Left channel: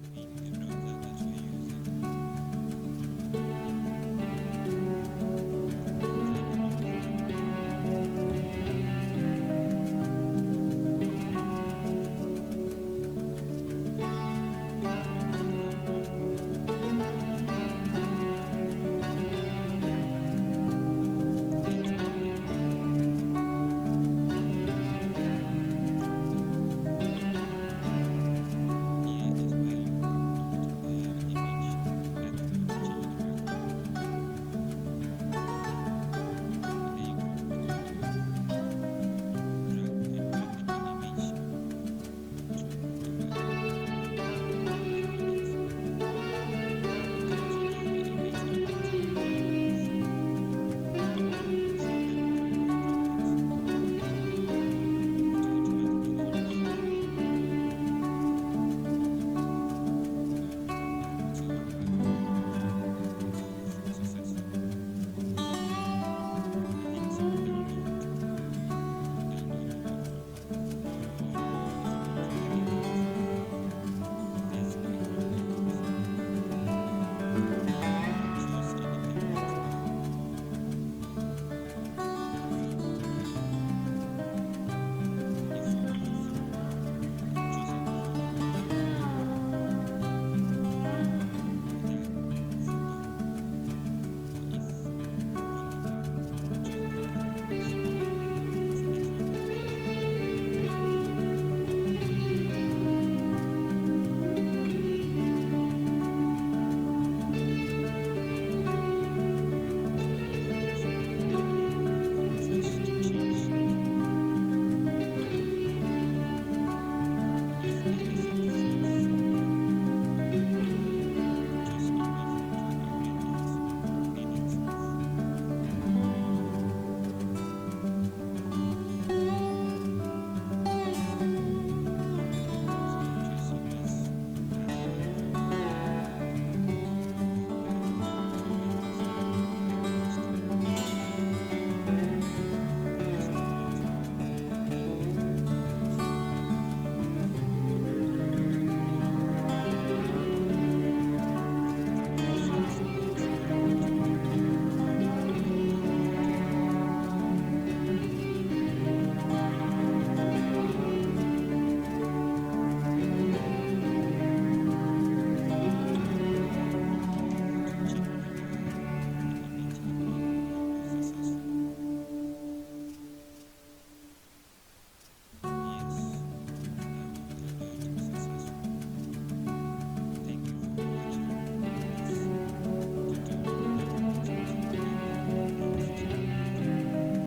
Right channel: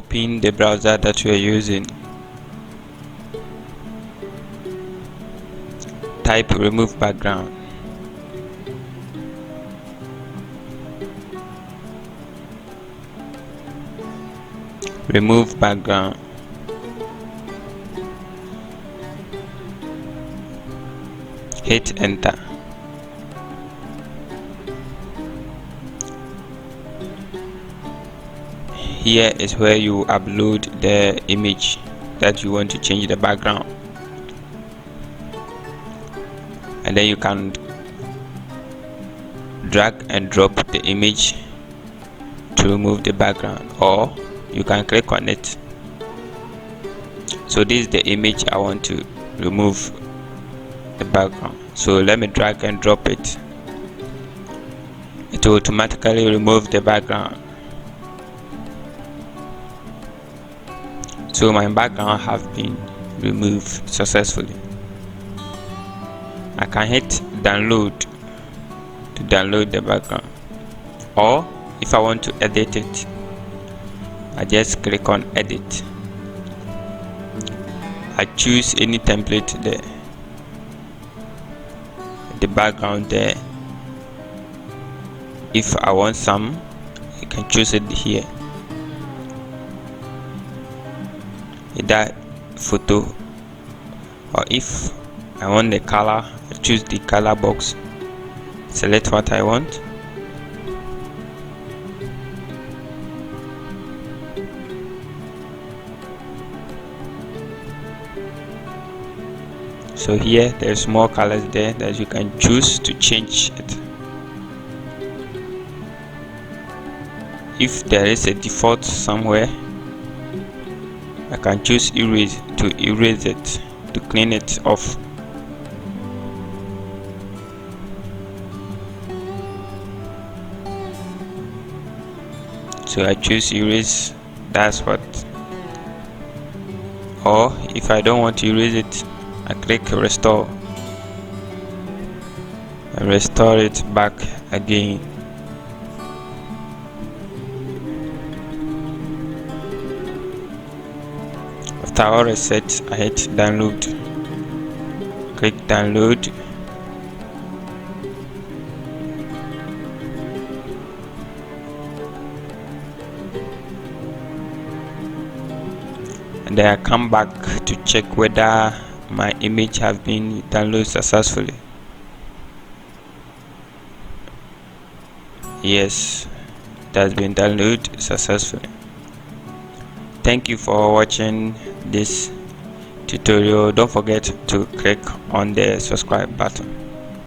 open the browser that you are using. Type remove background. Remove background. Hit enter. Here is where you upload the image that you want to change the background, and then you can drag and drop the image to remove the background, or you can click on it. So this is the image I want to remove the background, so let me drag and drop it. It will automatically remove the background. So my background have been removed successfully. I can hit download to download the background, or if I want to edit it, I just click on edit. I choose any template there, the background there. If I want some, I can choose it here. That photo, or if I want the color, I choose the color box, select what I want. So here there's more colors there that you can choose to change it. If there is a default somewhere, I can choose erase to erase it, to clean it off. So I choose erase, that's what. Or if I don't want to erase it, I click restore and restore it back again. After all is set, I hit download. Click download. And then I come back to check whether my image has been downloaded successfully. Yes, it has been downloaded successfully. Thank you for watching this tutorial. Don't forget to click on the subscribe button.